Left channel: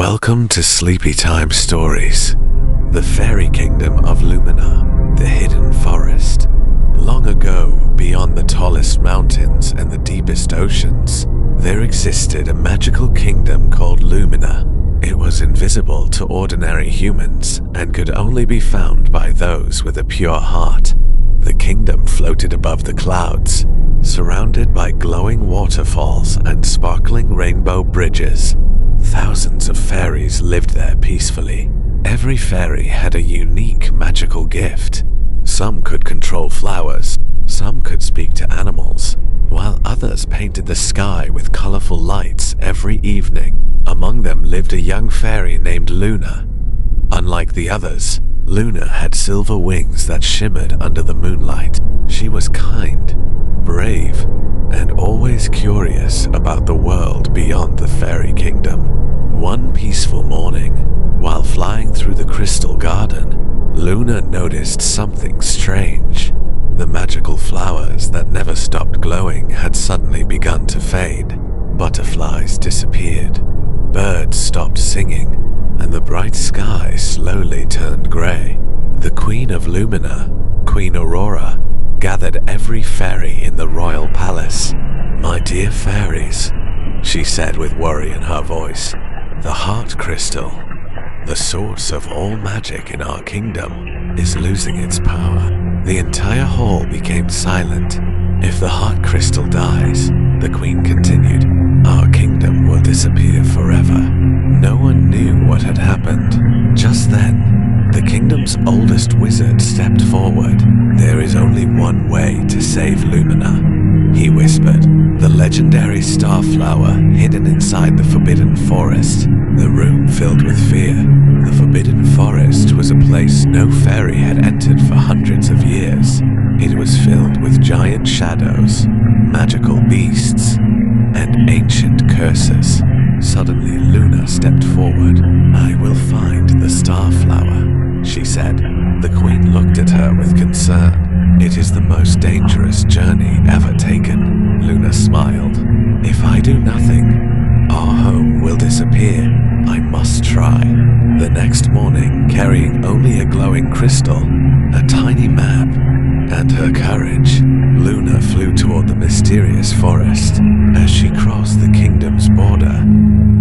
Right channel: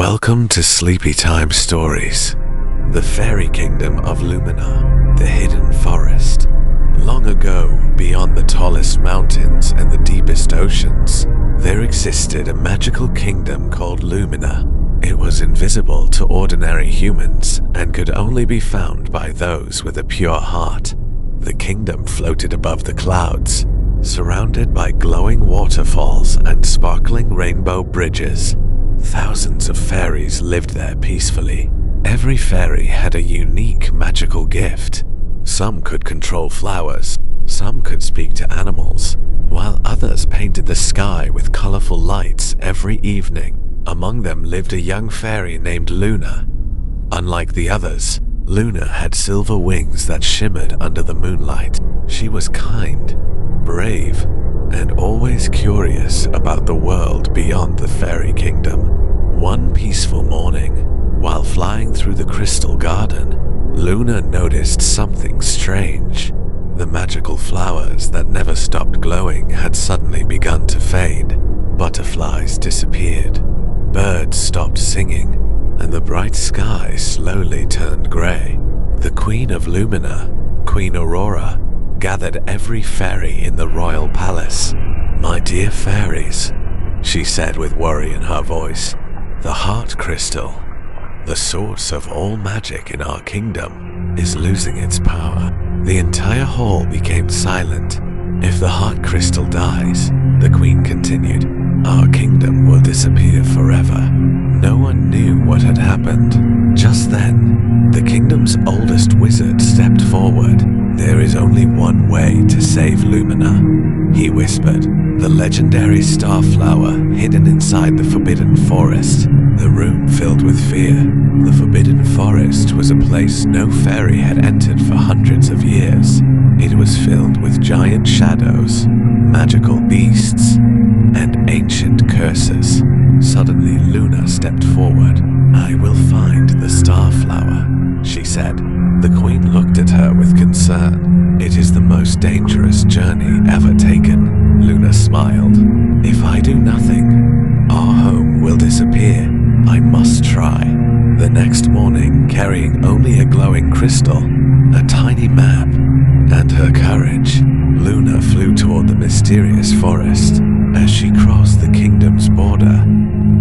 Welcome to Sleepy Time Stories, the Fairy Kingdom of Lumina, the hidden forest. Long ago, beyond the tallest mountains and the deepest oceans, there existed a magical kingdom called Lumina. It was invisible to ordinary humans and could only be found by those with a pure heart. The kingdom floated above the clouds, surrounded by glowing waterfalls and sparkling rainbow bridges. Thousands of fairies lived there peacefully. Every fairy had a unique magical gift. Some could control flowers, some could speak to animals, while others painted the sky with colorful lights every evening. Among them lived a young fairy named Luna. Unlike the others, Luna had silver wings that shimmered under the moonlight. She was kind, brave, and always curious about the world beyond the fairy kingdom. One peaceful morning, while flying through the crystal garden, Luna noticed something strange. The magical flowers that never stopped glowing had suddenly begun to fade. Butterflies disappeared, birds stopped singing, and the bright sky slowly turned gray. The Queen of Lumina, Queen Aurora, gathered every fairy in the royal palace. "My dear fairies," she said with worry in her voice, "the heart crystal, the source of all magic in our kingdom, is losing its power." The entire hall became silent. "If the heart crystal dies," the queen continued, "our kingdom will disappear forever." No one knew what had happened. Just then, the kingdom's oldest wizard stepped forward. "There is only one way to save Lumina," he whispered. "The legendary starflower hidden inside the forbidden forest." The room filled with fear. The forbidden forest was a place no fairy had entered for hundreds of years. It was filled with giant shadows, magical beasts, and ancient curses. Suddenly, Luna stepped forward. "I will find the starflower," she said. The queen looked at her with concern. "It is the most dangerous journey ever taken," Luna smiled. "If I do nothing, our home will disappear. I must try." The next morning, carrying only a glowing crystal, a tiny map, and her courage, Luna flew toward the mysterious forest. As she crossed the kingdom's border,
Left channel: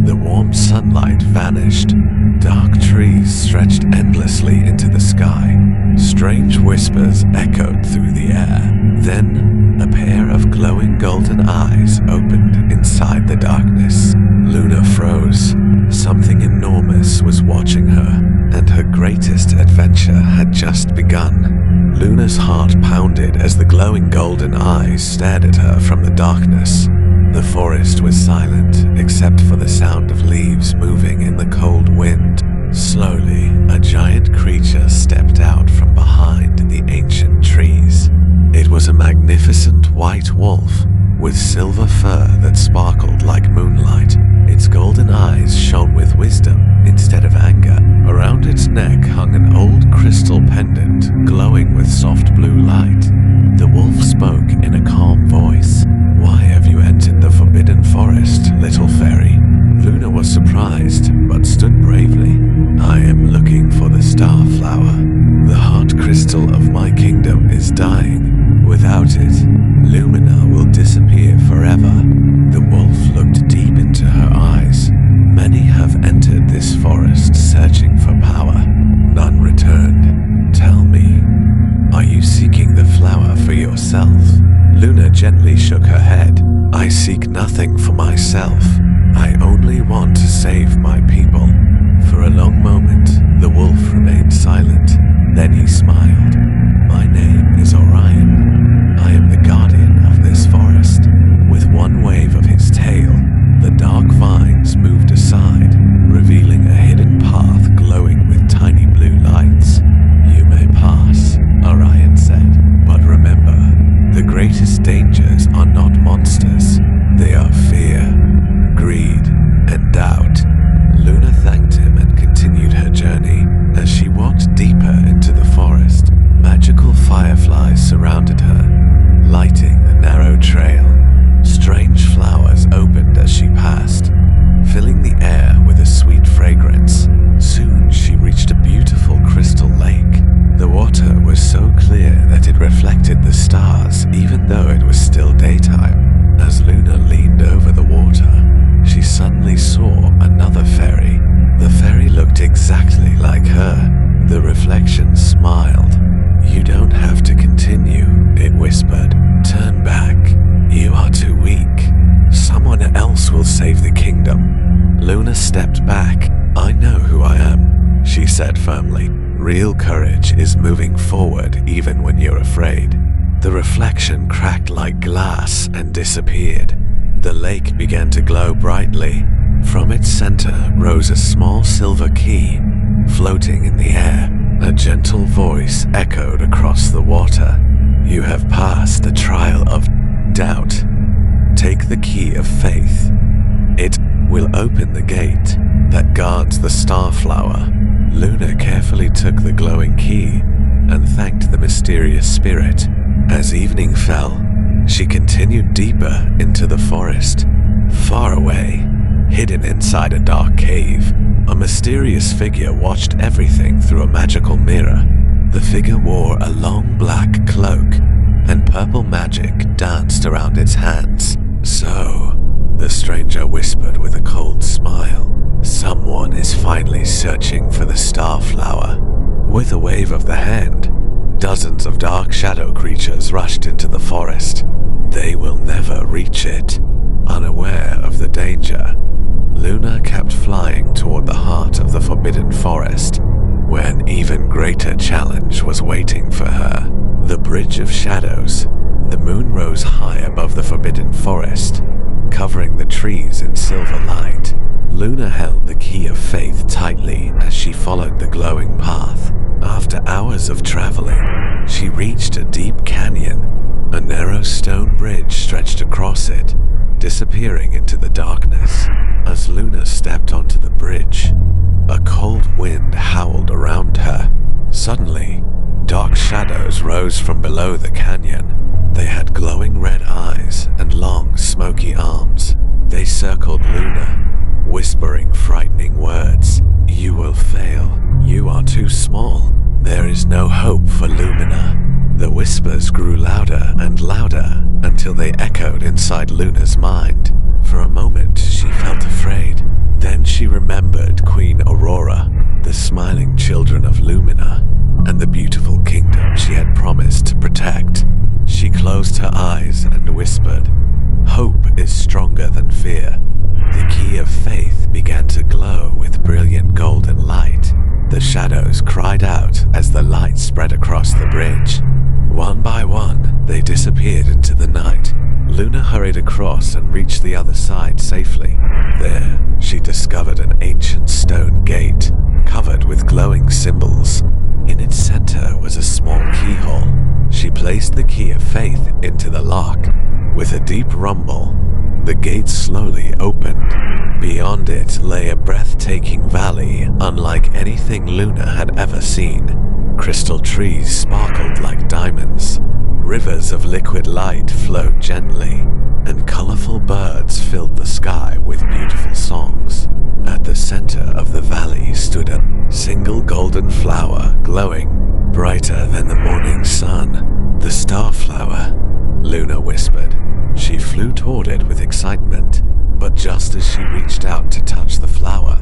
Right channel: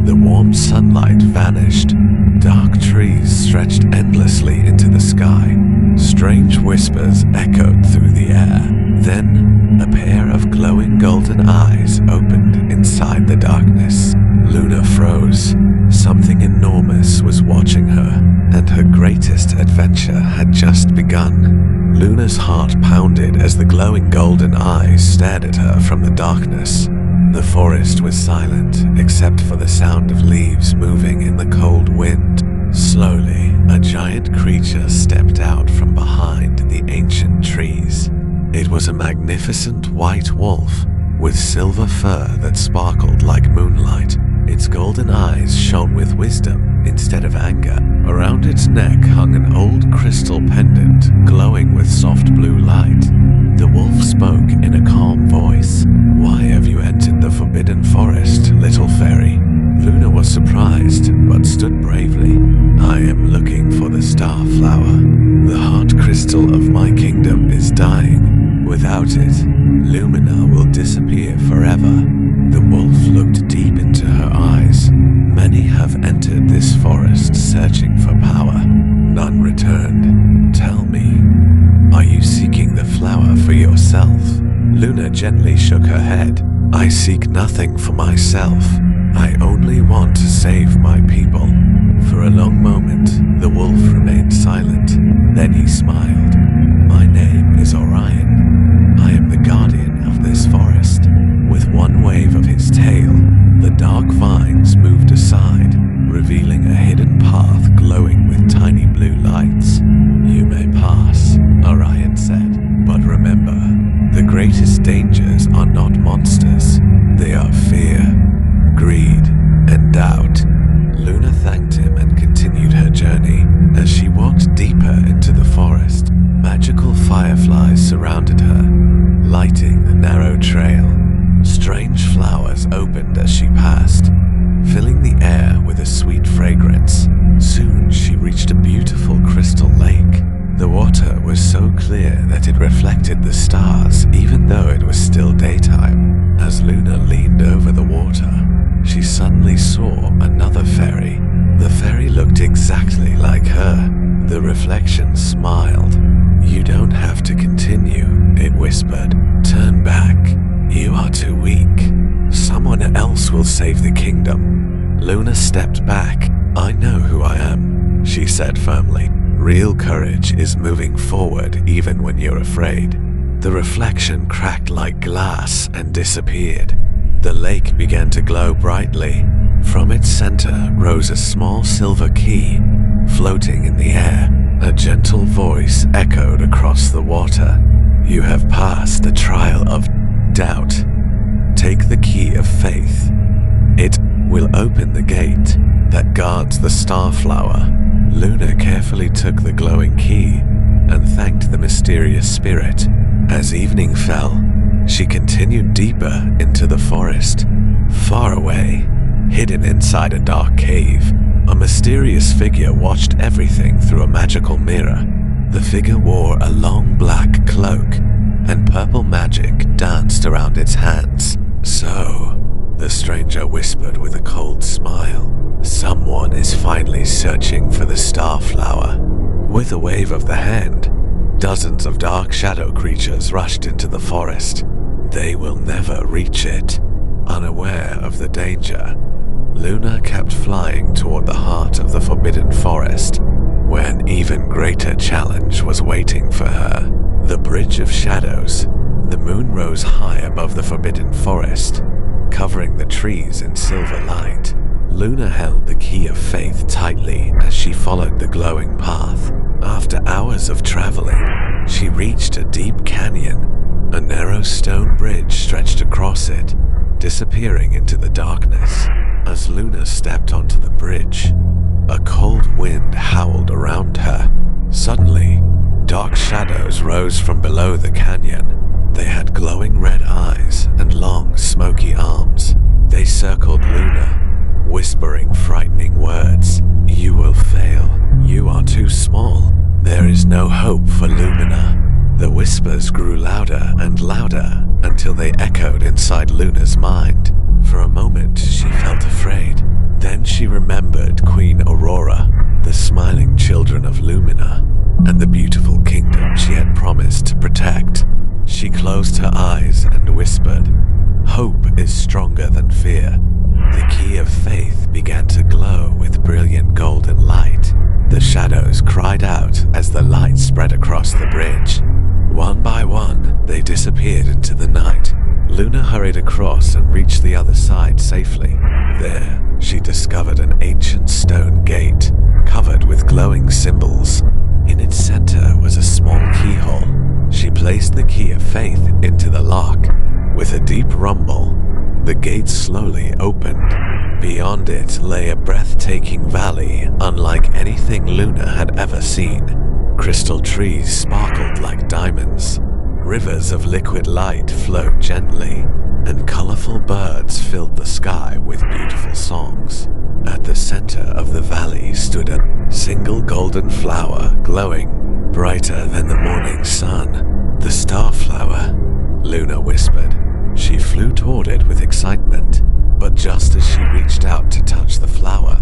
the warm sunlight vanished. Dark trees stretched endlessly into the sky. Strange whispers echoed through the air. Then, a pair of glowing golden eyes opened inside the darkness. Luna froze. Something enormous was watching her, and her greatest adventure had just begun. Luna's heart pounded as the glowing golden eyes stared at her from the darkness. The forest was silent, except for the sound of leaves moving in the cold wind. Slowly, a giant creature stepped out from behind the ancient trees. It was a magnificent white wolf, with silver fur that sparkled like moonlight. Its golden eyes shone with wisdom instead of anger. Around its neck hung an old crystal pendant, glowing with soft blue light. The wolf spoke in a calm voice. "Why have you entered the forbidden forest, little fairy?" Luna was surprised, but stood bravely. "I am looking for the starflower. The heart crystal of my kingdom is dying. Without it, Lumina will disappear forever." The wolf looked deep into her eyes. "Many have entered this forest searching for power. None returned. Tell me, are you seeking the flower for yourself?" Luna gently shook her head. "I seek nothing for myself. I only want to save my people." For a long moment, the wolf remained silent. Then he smiled. "My name is Orion. I am the guardian of this forest." With one wave of his tail, the dark vines moved aside, revealing a hidden path glowing with tiny blue lights. "You may pass," Orion said. "But remember, the greatest dangers are not monsters. They are fear, greed, and doubt." Luna thanked him and continued her journey. As she walked deeper into the forest, magical fireflies surrounded her, lighting the narrow trail. Strange flowers opened as she passed, filling the air with a sweet fragrance. fragrance. Soon she reached a beautiful crystal lake. The water was so clear that it reflected the stars even though it was still daytime. As Luna leaned over the water, she suddenly saw another fairy. The fairy looked exactly like her. The reflection smiled. "You don't have to continue," it whispered. "Turn back. You are too weak. Someone else will save the kingdom." Luna stepped back. "I know who I am," she said firmly. "Real courage is moving forward even when you're afraid." The reflection cracked like glass and disappeared. The lake began to glow brightly. From its center rose a small silver key, floating in the air. A gentle voice echoed across the water. "You have passed the trial of doubt. Take the key of faith. It will open the gate that guards the starflower." Luna carefully took the glowing key and thanked the mysterious spirit. As evening fell, she continued deeper into the forest. Far away, hidden inside a dark cave, a mysterious figure watched everything through a magical mirror. The figure wore a long black cloak, and purple magic danced around its hands. "So," the stranger whispered with a cold smile, "someone is finally searching for the starflower." With a wave of the hand, dozens of dark shadow creatures rushed into the forest. They will never reach it. Unaware of the danger, Luna kept flying toward the heart of the forbidden forest, where an even greater challenge was waiting for her. The Bridge of Shadows. The moon rose high above the forbidden forest, covering the trees in silver light. Luna held the key of faith tightly as she followed the glowing path. After hours of traveling, she reached a deep canyon. A narrow stone bridge stretched across it, disappearing into the darkness. As Luna stepped onto the bridge, a cold wind howled around her. Suddenly, dark shadows rose from below the canyon. They had glowing red eyes and long, smoky arms. They circled Luna, whispering frightening words. "You will fail. You are too small. There is no hope for Lumina." The whispers grew louder and louder until they echoed inside Luna's mind. For a moment, she felt afraid. Then she remembered Queen Aurora, the smiling children of Lumina, and the beautiful kingdom she had promised to protect. She closed her eyes and whispered, "Hope is stronger than fear." The key of faith began to glow with brilliant golden light. The shadows cried out as the light spread across the bridge. One by one, they disappeared into the night. Luna hurried across and reached the other side safely. There, she discovered an ancient stone gate, covered with glowing symbols. In its center was a small keyhole. She placed the key of faith into the lock. With a deep rumble, the gate slowly opened. Beyond it lay a breathtaking valley unlike anything Luna had ever seen. Crystal trees sparkled like diamonds. Rivers of liquid light flowed gently, and colorful birds filled the sky with beautiful songs. At the center of the valley stood a single golden flower, glowing brighter than the morning sun. "The starflower," Luna whispered. She flew toward it with excitement, but just as she reached out to touch the flower,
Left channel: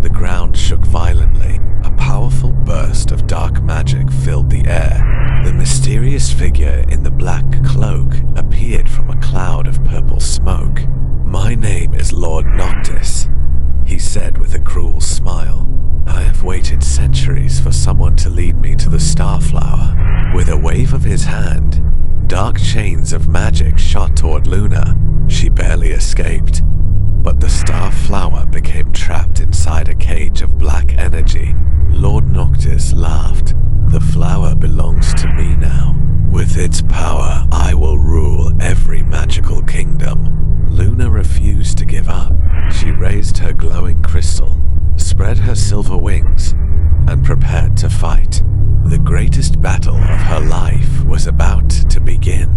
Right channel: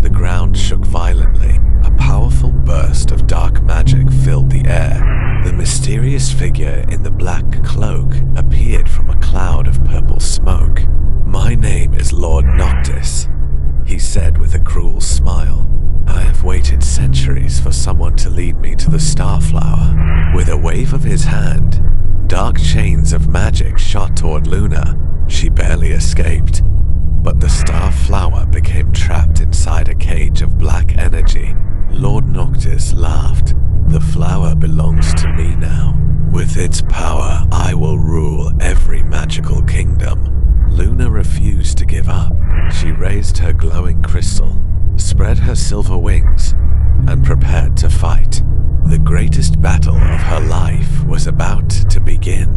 the ground shook violently. A powerful burst of dark magic filled the air. The mysterious figure in the black cloak appeared from a cloud of purple smoke. "My name is Lord Noctis," he said with a cruel smile. "I have waited centuries for someone to lead me to the starflower." With a wave of his hand, dark chains of magic shot toward Luna. She barely escaped, but the starflower became trapped inside a cage of black energy. Lord Noctis laughed. "The flower belongs to me now. With its power, I will rule every magical kingdom." Luna refused to give up. She raised her glowing crystal, spread her silver wings, and prepared to fight. The greatest battle of her life was about to begin.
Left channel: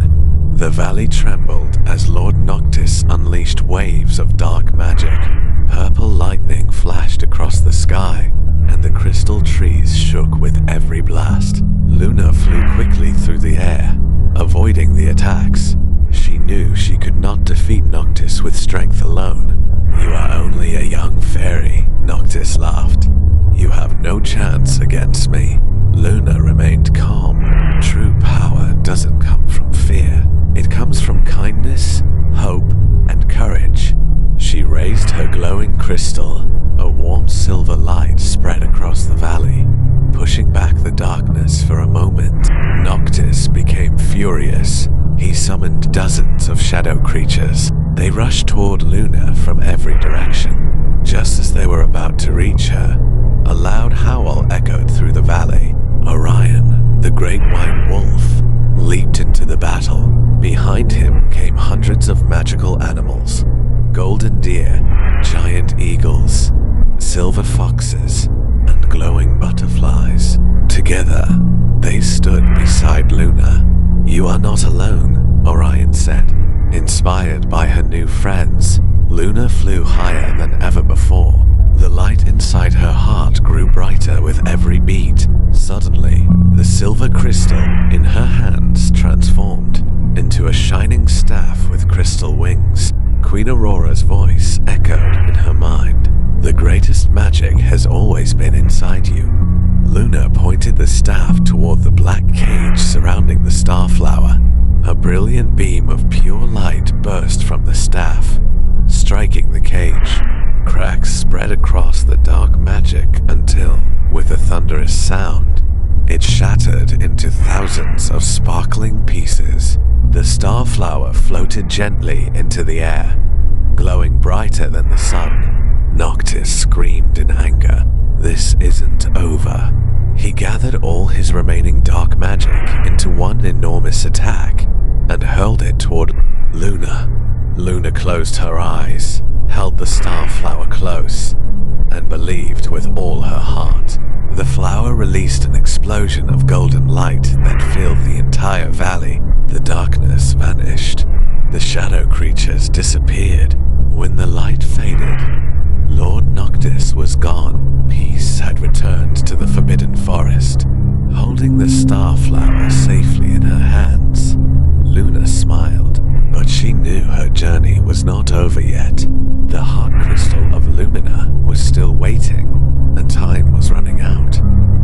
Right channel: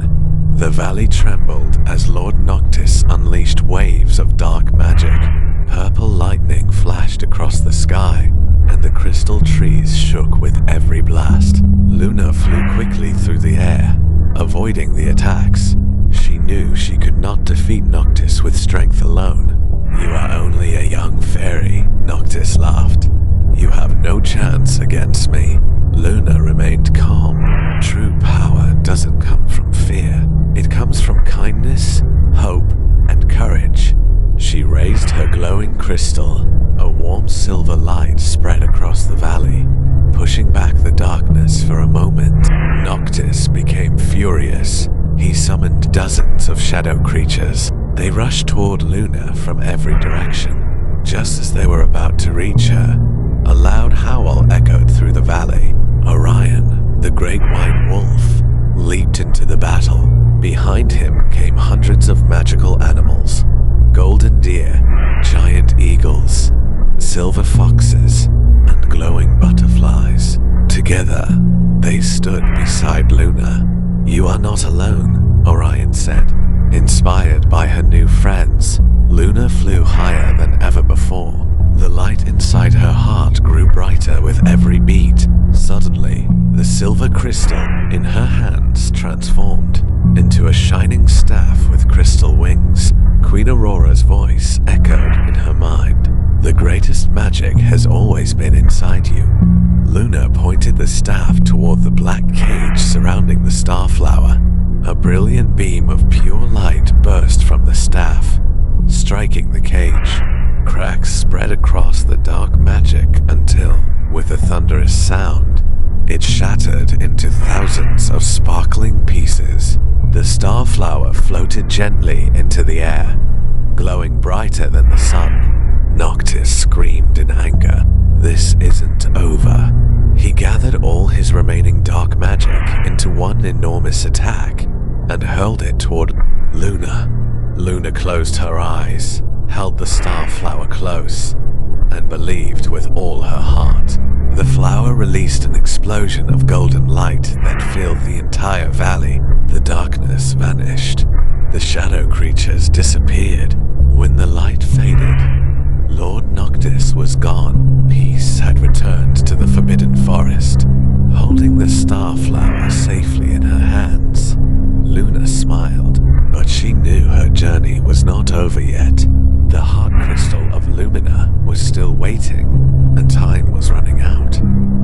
The valley trembled as Lord Noctis unleashed waves of dark magic. Purple lightning flashed across the sky, and the crystal trees shook with every blast. Luna flew quickly through the air, avoiding the attacks. She knew she could not defeat Noctis with strength alone. "You are only a young fairy," Noctis laughed. "You have no chance against me." Luna remained calm. True power doesn't come from fear. It comes from kindness, hope, and courage. She raised her glowing crystal. A warm silver light spread across the valley, pushing back the darkness for a moment. Noctis became furious. He summoned dozens of shadow creatures. They rushed toward Luna from every direction. Just as they were about to reach her, a loud howl echoed through the valley. Orion, the great white wolf, leaped into the battle. Behind him came hundreds of magical animals: golden deer, giant eagles, silver foxes, and glowing butterflies. Together, they stood beside Luna. "You are not alone," Orion said. Inspired by her new friends, Luna flew higher than ever before. The light inside her heart grew brighter with every beat. Suddenly, the silver crystal in her hands transformed into a shining staff with crystal wings. Queen Aurora's voice echoed in her mind. "The greatest magic has always been inside you." Luna pointed the staff toward the black cage surrounding the starflower. A brilliant beam of pure light burst from the staff, striking the cage. Cracks spread across the dark magic until, with a thunderous sound, it shattered into thousands of sparkling pieces. The starflower floated gently into the air, glowing brighter than the sun. Noctis screamed in anger. This isn't over. He gathered all his remaining dark magic into one enormous attack and hurled it toward Luna. Luna closed her eyes, held the starflower close, and believed with all her heart. The flower released an explosion of golden light that filled the entire valley. The darkness vanished. The shadow creatures disappeared. When the light faded, Lord Noctis was gone. Peace had returned to the Forbidden Forest. Holding the starflower safely in her hands, Luna smiled, but she knew her journey was not over yet. The heart crystal of Lumina was still waiting, and time was running out.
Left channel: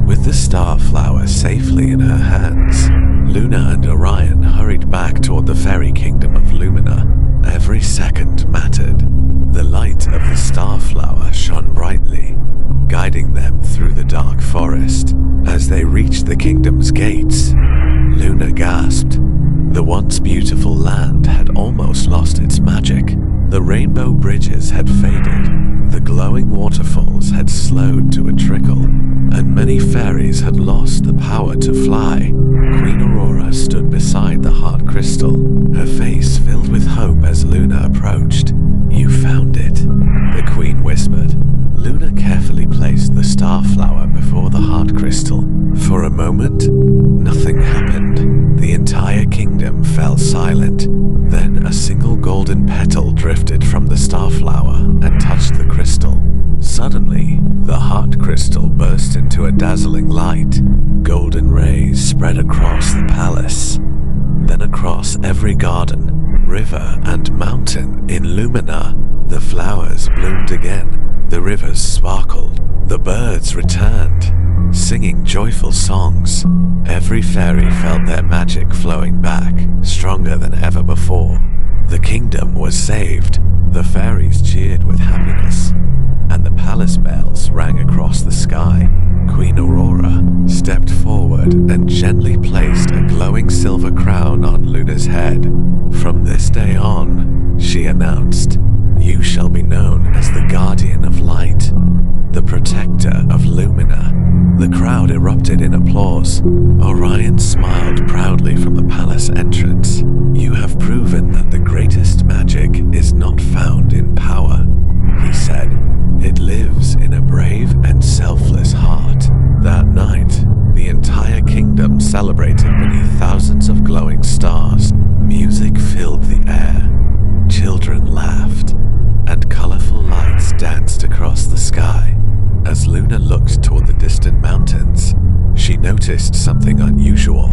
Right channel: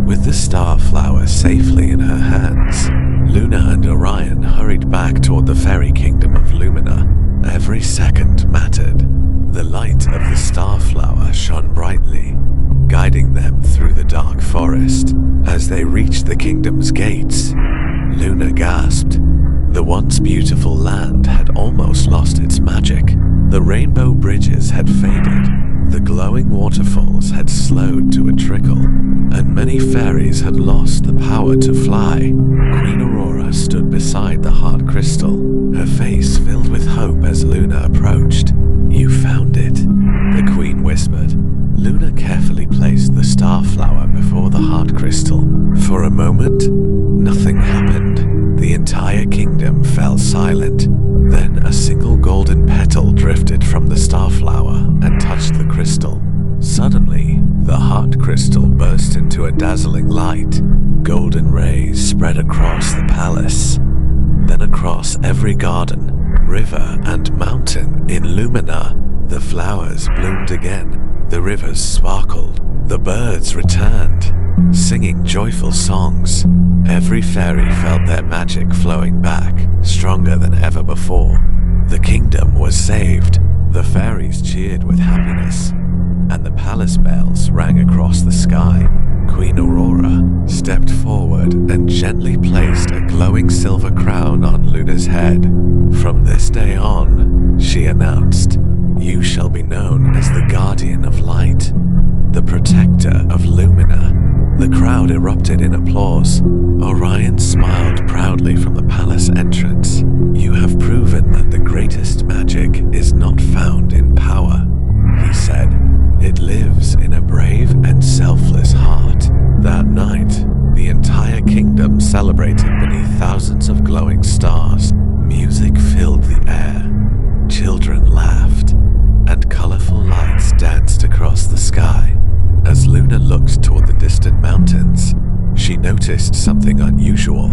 With the starflower safely in her hands, Luna and Orion hurried back toward the Fairy Kingdom of Lumina. Every second mattered. The light of the starflower shone brightly, guiding them through the dark forest. As they reached the kingdom's gates, Luna gasped. The once beautiful land had almost lost its magic. The rainbow bridges had faded, the glowing waterfalls had slowed to a trickle, and many fairies had lost the power to fly. Queen Aurora stood beside the heart crystal, her face filled with hope as Luna approached. "You found it," the queen whispered. Luna carefully placed the starflower before the heart crystal. For a moment, nothing happened. The entire kingdom fell silent. Then a single golden petal drifted from the starflower and touched the crystal. Suddenly, the heart crystal burst into a dazzling light. Golden rays spread across the palace, then across every garden, river, and mountain in Lumina. The flowers bloomed again, the rivers sparkled, the birds returned, singing joyful songs. Every fairy felt their magic flowing back, stronger than ever before. The kingdom was saved. The fairies cheered with happiness, and the palace bells rang across the sky. Queen Aurora stepped forward and gently placed a glowing silver crown on Luna's head. "From this day on," she announced, "you shall be known as the Guardian of Light, the Protector of Lumina." The crowd erupted in applause. Orion smiled proudly from the palace entrance. "You have proven that the greatest magic is not found in power," he said. "It lives in a brave and selfless heart." That night, the entire kingdom celebrated beneath thousands of glowing stars. Music filled the air. Children laughed. and colorful lights danced across the sky. As Luna looked toward the distant mountains, she noticed something unusual.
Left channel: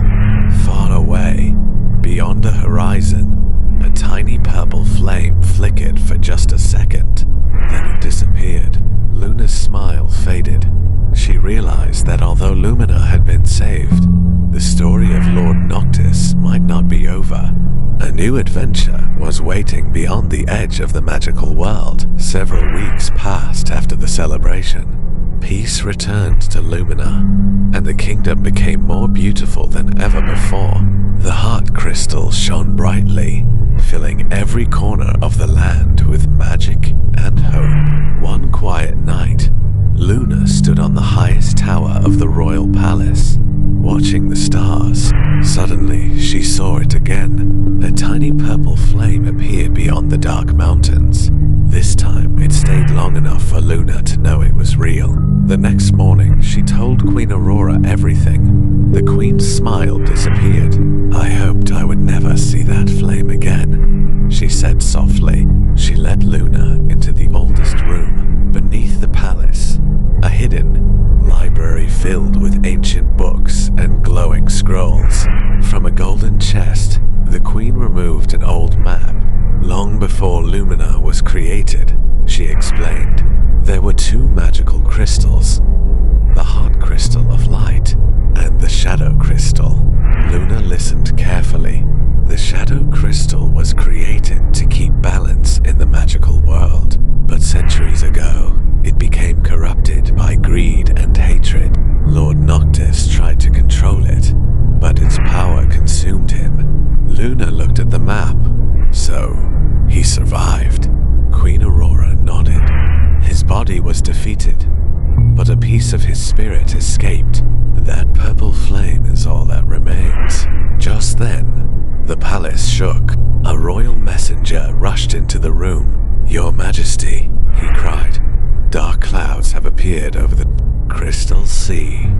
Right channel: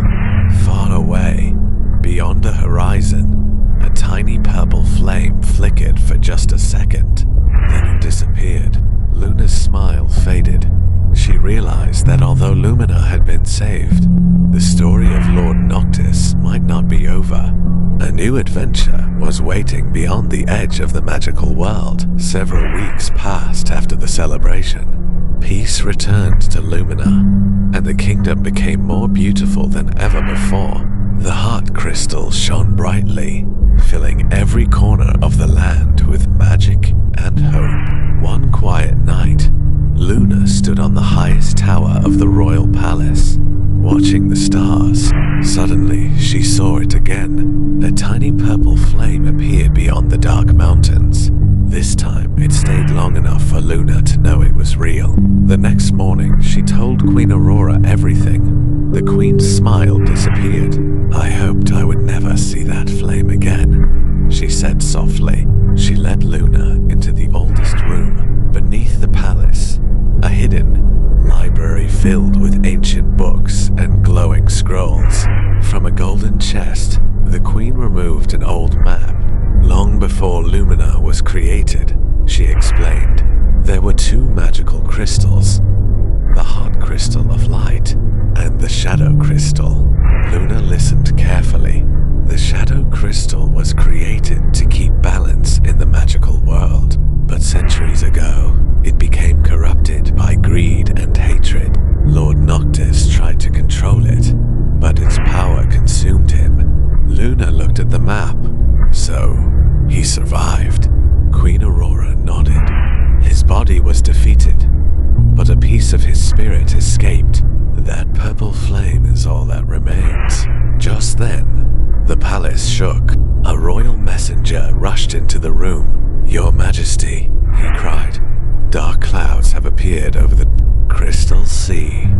Far away, beyond the horizon, a tiny purple flame flickered for just a second. Then it disappeared. Luna's smile faded. She realized that although Lumina had been saved, the story of Lord Noctis might not be over. A new adventure was waiting beyond the edge of the magical world. Several weeks passed after the celebration. Peace returned to Lumina, and the kingdom became more beautiful than ever before. The heart crystal shone brightly, filling every corner of the land with magic and hope. One quiet night, Luna stood on the highest tower of the royal palace, watching the stars. Suddenly, she saw it again. A tiny purple flame appeared beyond the dark mountains. This time, it stayed long enough for Luna to know it was real. The next morning, she told Queen Aurora everything. The queen's smile disappeared. "I hoped I would never see that flame again," she said softly. She led Luna into the oldest room beneath the palace, a hidden library filled with ancient books and glowing scrolls. From a golden chest, the queen removed an old map. Long before Lumina was created, she explained, there were two magical crystals, the heart crystal of light and the shadow crystal. Luna listened carefully. The shadow crystal was created to keep balance in the magical world, but centuries ago, it became corrupted by greed and hatred. Lord Noctis tried to control it, but its power consumed him. Luna looked at the map. So, he survived. Queen Aurora nodded. His body was defeated, but a piece of his spirit escaped. That purple flame is all that remains. Just then, the palace shook. A royal messenger rushed into the room. "Your Majesty," he cried, "dark clouds have appeared over the Crystal Sea.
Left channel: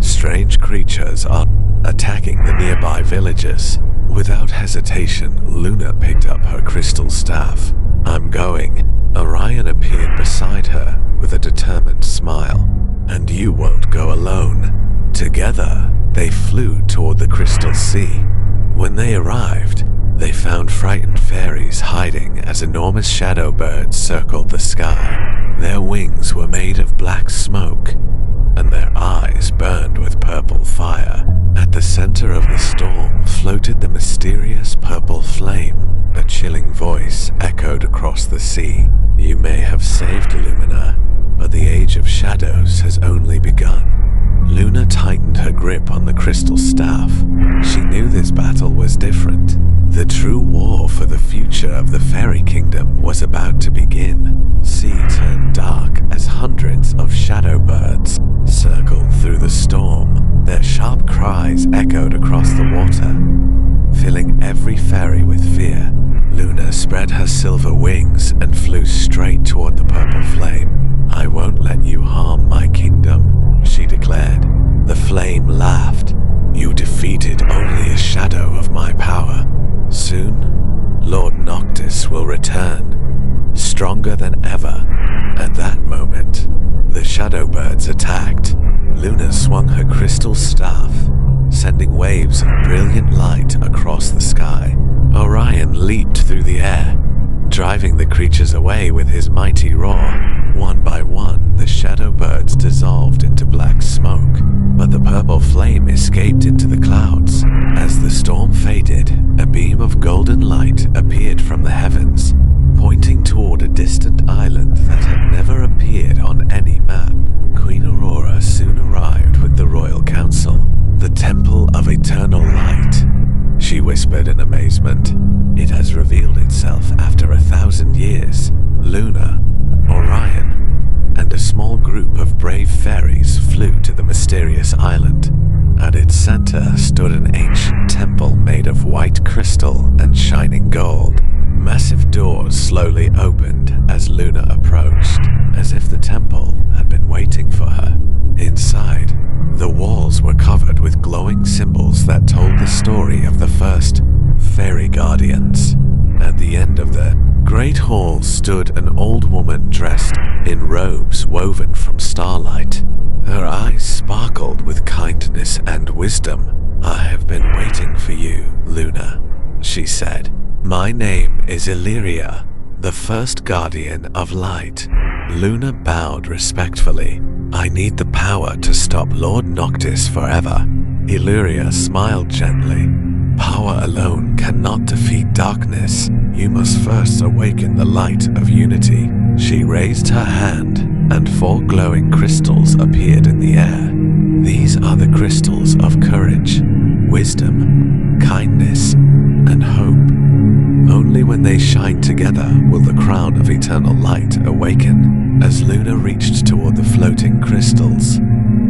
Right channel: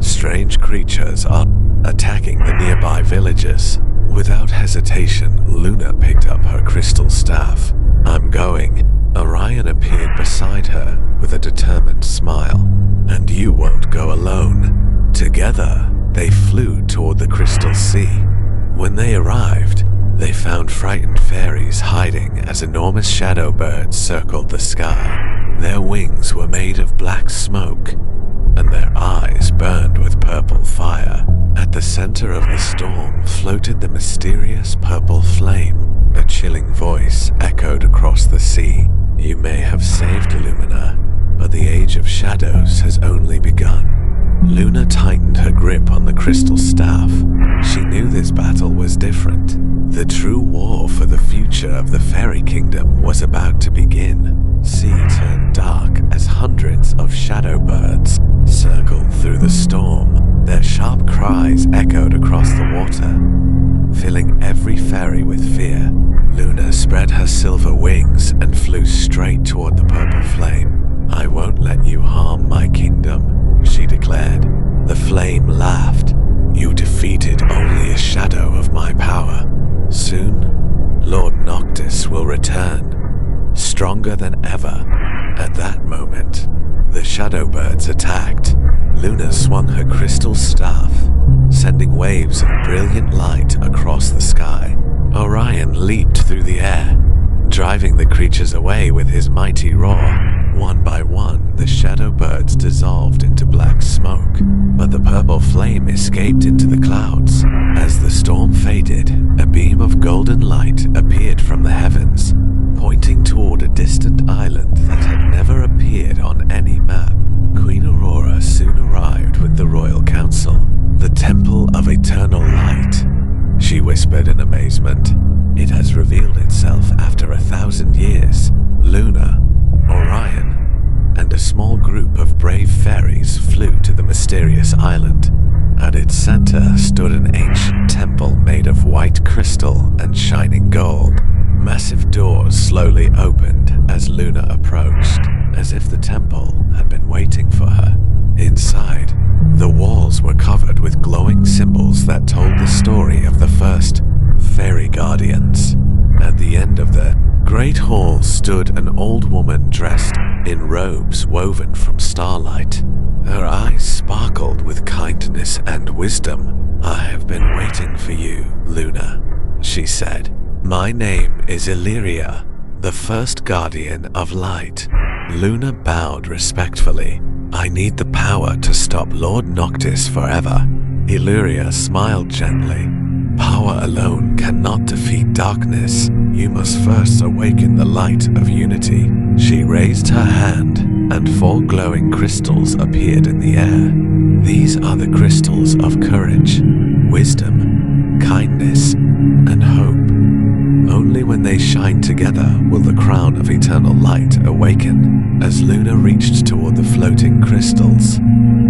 Strange creatures are attacking the nearby villages." Without hesitation, Luna picked up her crystal staff. "I'm going." Orion appeared beside her with a determined smile. "And you won't go alone." Together, they flew toward the Crystal Sea. When they arrived, they found frightened fairies hiding as enormous shadow birds circled the sky. Their wings were made of black smoke, and their eyes burned with purple fire. At the center of the storm floated the mysterious purple flame. A chilling voice echoed across the sea. "You may have saved Lumina, but the Age of Shadows has only begun." Luna tightened her grip on the crystal staff. She knew this battle was different. The true war for the future of the Fairy Kingdom was about to begin. Sea turned dark as hundreds of shadow birds circled through the storm. Their sharp cries echoed across the water, filling every fairy with fear. Luna spread her silver wings and flew straight toward the purple flame. "I won't let you harm my kingdom," she declared. The flame laughed. "You defeated only a shadow of my power. Soon, Lord Noctis will return, stronger than ever." At that moment, the shadow birds attacked. Luna swung her crystal staff, sending waves of brilliant light across the sky. Orion leaped through the air, driving the creatures away with his mighty roar. One by one, the shadow birds dissolved into black smoke, but the purple flame escaped into the clouds. As the storm faded, a beam of golden light appeared from the heavens, pointing toward a distant island that had never appeared on any map. Queen Aurora soon arrived with the royal council. "The Temple of Eternal Light," she whispered in amazement. "It has revealed itself after 1,000 years. Luna, Orion, and a small group of brave fairies flew to the mysterious island. At its center stood an ancient temple made of white crystal and shining gold. Massive doors slowly opened as Luna approached, as if the temple had been waiting for her. Inside, the walls were covered with glowing symbols that told the story of the first fairy guardians. At the end of the great hall stood an old woman dressed in robes woven from starlight. Her eyes sparkled with kindness and wisdom. "I have been waiting for you, Luna," she said. "My name is Illyria, the first guardian of light." Luna bowed respectfully. "I need the power to stop Lord Noctis forever." Illyria smiled gently. "Power alone cannot defeat darkness. You must first awaken the light of unity." She raised her hand, and 4 glowing crystals appeared in the air. These are the crystals of courage, wisdom, kindness, and hope. Only when they shine together will the crown of eternal light awaken. As Luna reached toward the floating crystals,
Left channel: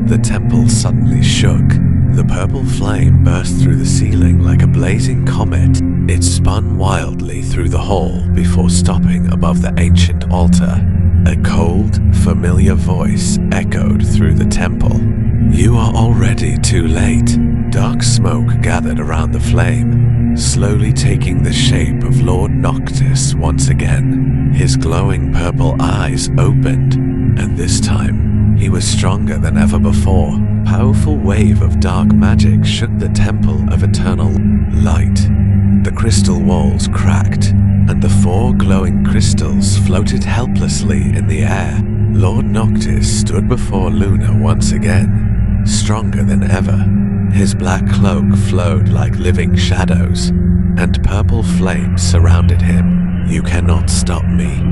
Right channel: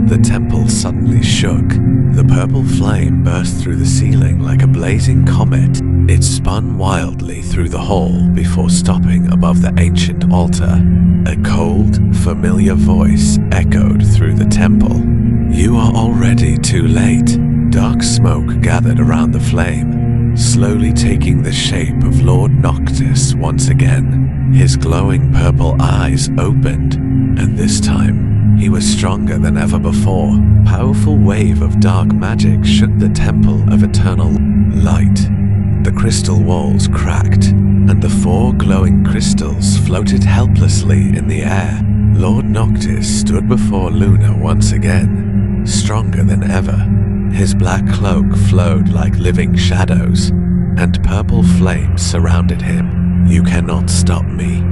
the temple suddenly shook. The purple flame burst through the ceiling like a blazing comet. It spun wildly through the hall before stopping above the ancient altar. A cold, familiar voice echoed through the temple. "You are already too late." Dark smoke gathered around the flame, slowly taking the shape of Lord Noctis once again. His glowing purple eyes opened, and this time he was stronger than ever before. A powerful wave of dark magic shook the temple of eternal light. The crystal walls cracked, and the 4 glowing crystals floated helplessly in the air. Lord Noctis stood before Luna once again, stronger than ever. His black cloak flowed like living shadows, and purple flames surrounded him. "You cannot stop me,"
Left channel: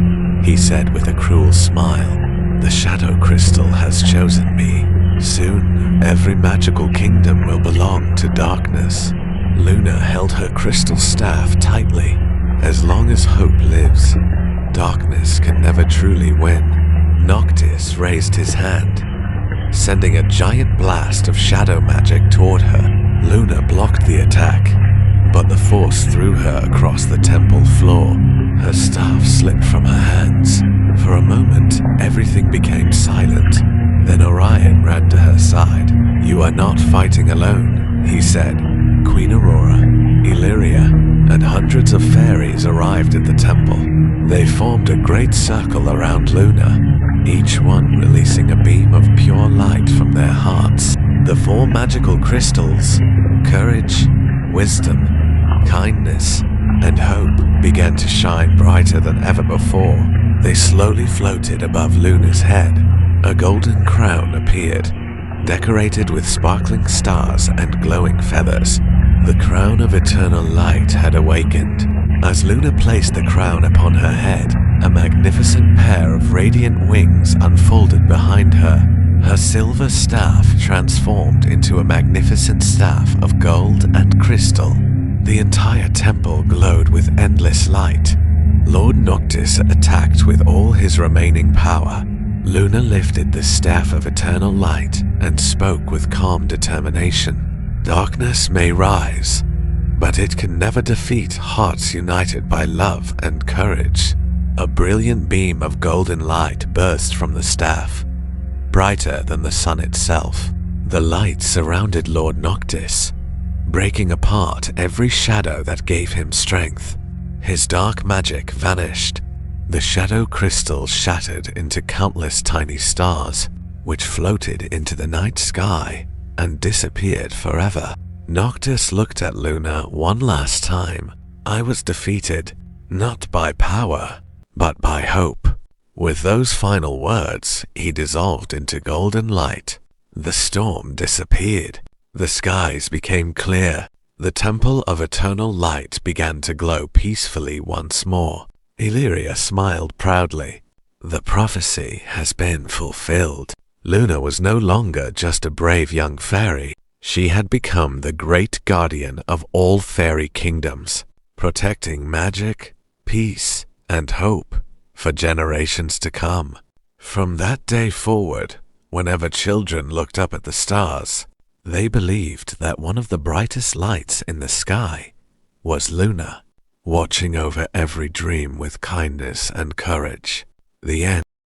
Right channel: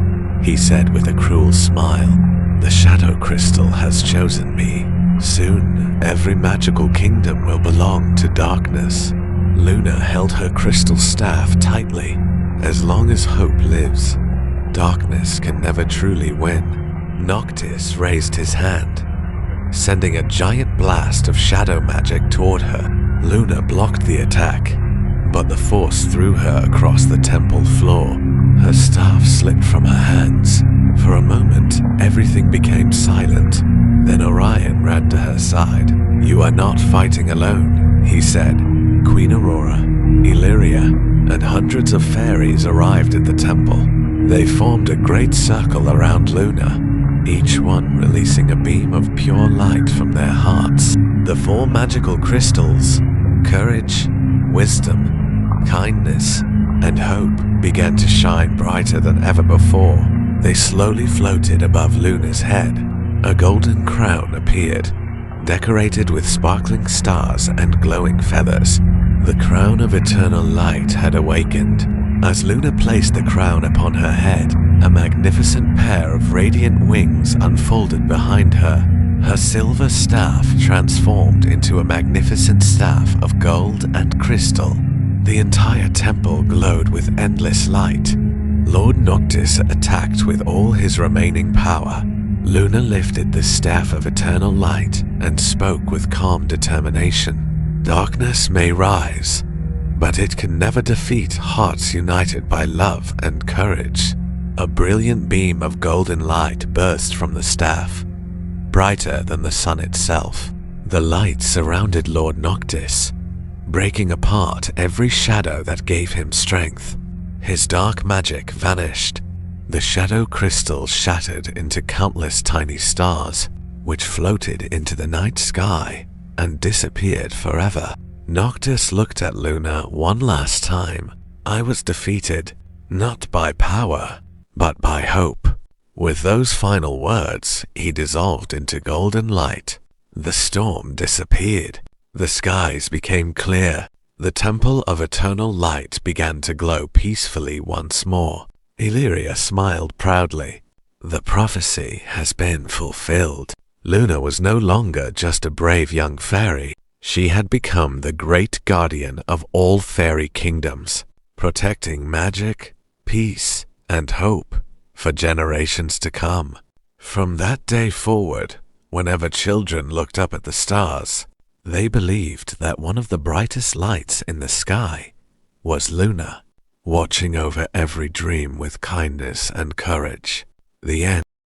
he said with a cruel smile. "The shadow crystal has chosen me. Soon, every magical kingdom will belong to darkness." Luna held her crystal staff tightly. As long as hope lives, darkness can never truly win. Noctis raised his hand, sending a giant blast of shadow magic toward her. Luna blocked the attack, but the force threw her across the temple floor. Her staff slipped from her hands. For a moment, everything became silent. Then Orion ran to her side. "You are not fighting alone," he said. Queen Aurora, Illyria, and hundreds of fairies arrived at the temple. They formed a great circle around Luna, each one releasing a beam of pure light from their hearts. The 4 magical crystals, courage, wisdom, kindness, and hope, began to shine brighter than ever before. They slowly floated above Luna's head. A golden crown appeared, decorated with sparkling stars and glowing feathers. The crown of eternal light had awakened. As Luna placed the crown upon her head, a magnificent pair of radiant wings unfolded behind her. Her silver staff transformed into a magnificent staff of gold and crystal. The entire temple glowed with endless light. Lord Noctis attacked with all his remaining power. Luna lifted the staff of eternal light and spoke with calm determination. "Darkness may rise, but it can never defeat hearts united by love and courage." A brilliant beam of golden light burst from the staff, brighter than the sun itself. The light surrounded Lord Noctis, breaking apart every shadow that gave him strength. His dark magic vanished. The shadow crystals shattered into countless tiny stars, which floated into the night sky and disappeared forever. Noctis looked at Luna one last time. "I was defeated, not by power, but by hope." With those final words, he dissolved into golden light. The storm disappeared. The skies became clear. The temple of eternal light began to glow peacefully once more. Illyria smiled proudly. The prophecy has been fulfilled. Luna was no longer just a brave young fairy. She had become the great guardian of all fairy kingdoms, protecting magic, peace, and hope for generations to come. From that day forward, whenever children looked up at the stars, they believed that one of the brightest lights in the sky was Luna, watching over every dream with kindness and courage. The end.